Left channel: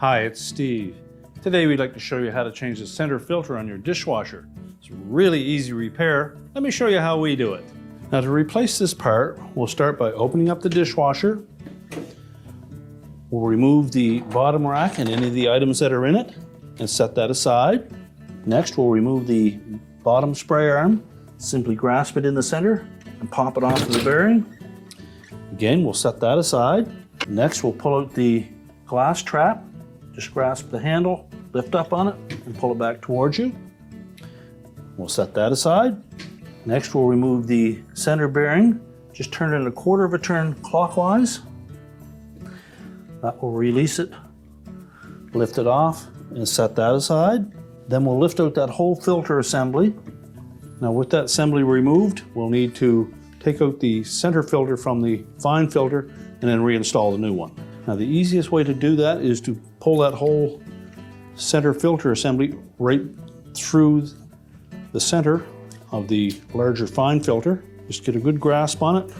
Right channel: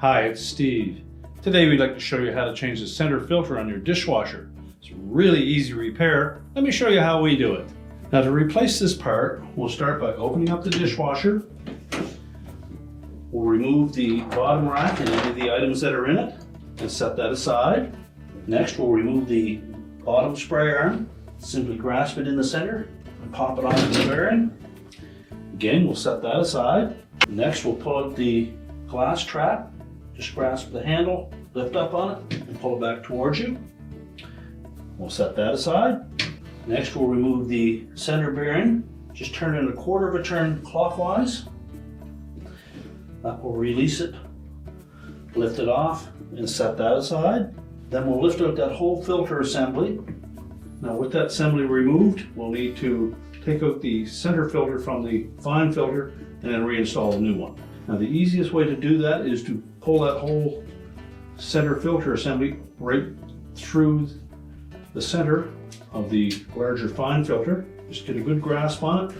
Hi, it's Steve. Today we'd like to show you how to change the center filter on your dishwasher. It's a really easy repair. Let me show you how we do it. Now to replace this part, we'll start by opening up the dishwasher. We'll remove the bottom rack and any of the items that are in it and set that aside. Next, we'll remove the bottom spray arm. Simply grasp it in the center and pop it onto the bearing. Again, we'll set that aside. Next, we'll pull out the glass trap. Just grasp the handle, lift up on it, and pull it back towards you. We'll set that aside. Next, we'll remove the center bearing. Just turn it 1/4 of a turn clockwise. That will release it, lift it off, and set that aside. Then we'll lift out that whole filter assembly. Now with that assembly removed, we'll need to take out the center filter from the fine filter and then reinstall the new one. Now the easiest way to do that is to pull that whole center filter assembly right through the center of the larger fine filter. Just get a good grasp on it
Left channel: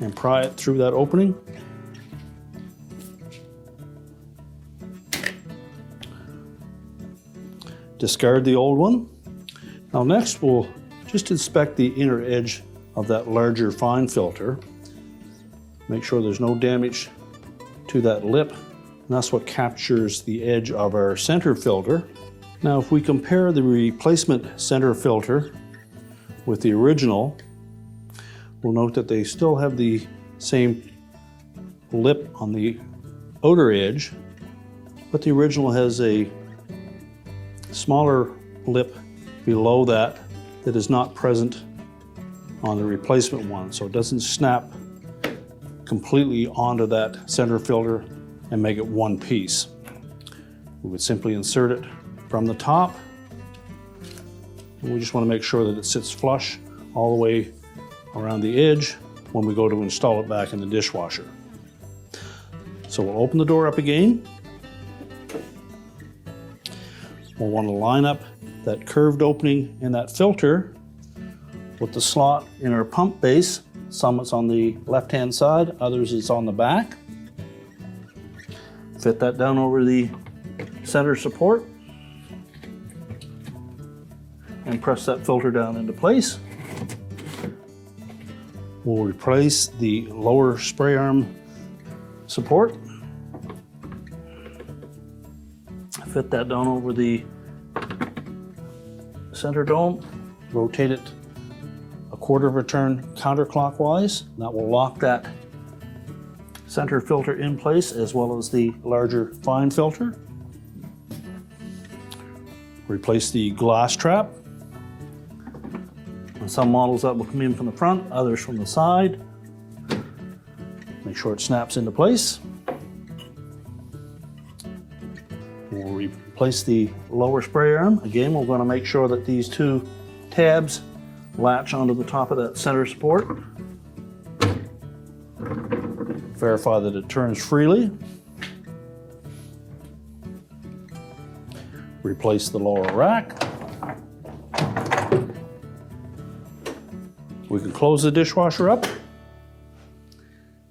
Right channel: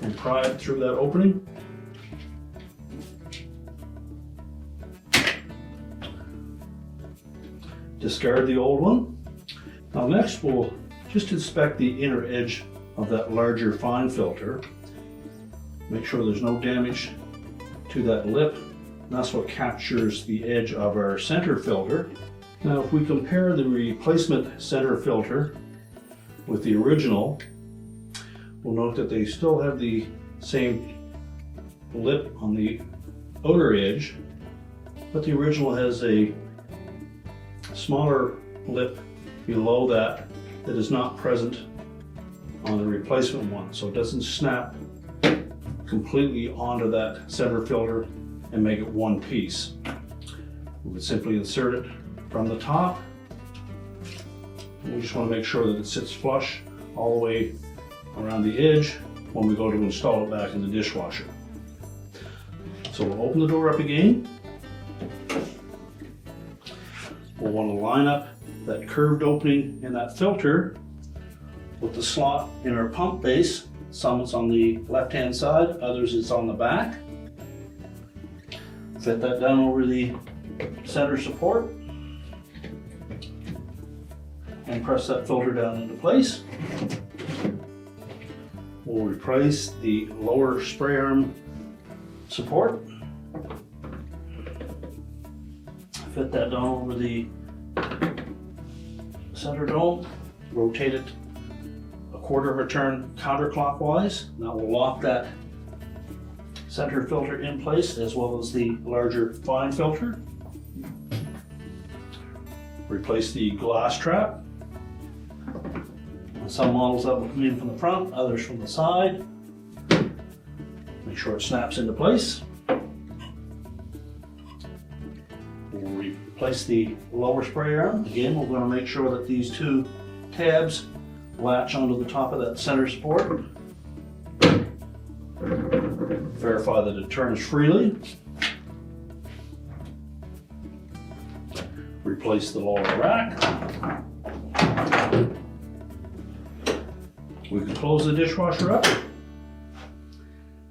and pry it through that opening. Discard the old one. Now next we'll just inspect the inner edge of that larger fine filter. Make sure there's no damage to that lip. And that's what captures the edge of our center filter. Now if we compare the replacement center filter with the original, we'll note that they still have the same lip on the outer edge, but the original has a smaller lip below that is not present on the replacement one, so it doesn't snap completely onto that center filter and make it one piece. We would simply insert it from the top, and we just want to make sure that it sits flush all the way around the edge when we go to install it back in the dishwasher. So we'll open the door up again. We'll want to line up that curved opening in that filter with the slot in our pump base. Some it's on the left-hand side, others it's on the back. Fit that down over the center support and press that filter down into place. We'll replace the lower spray arm support. Fit that down over the center dome, rotate it 1/4 of a turn counterclockwise. That will lock that center filter in place as well as the larger fine filter. Replace the glass trap. On some models that will come in from the front, others from the side. Make sure it snaps into place. We'll replace the lower spray arm. Again, we're going to make sure that these two tabs latch onto the top of that center support. Verify that it turns freely. Replace the lower rack. We can close the dishwasher up,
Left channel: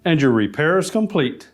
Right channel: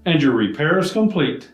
and your repair is complete.